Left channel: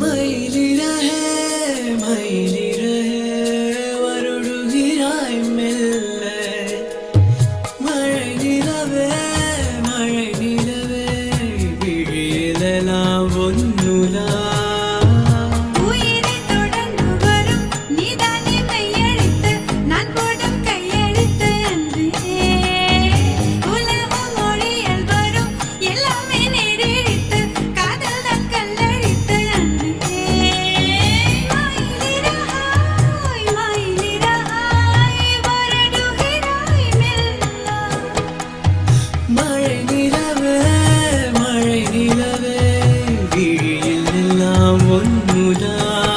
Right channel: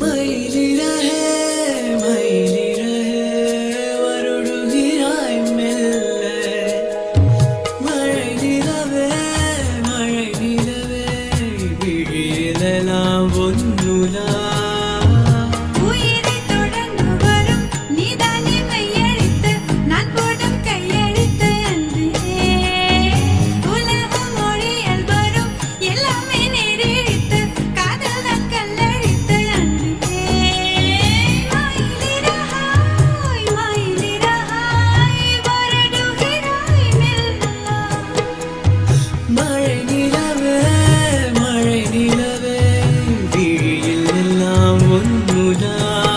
மயிலி ரஹே வருடுகிறாய் மெல்ல மழை நிலவே விழியிலெல்லாம் ஒன்னுலா மழை நிலவே விழியில் எல்லாம் ஒன்னுதான்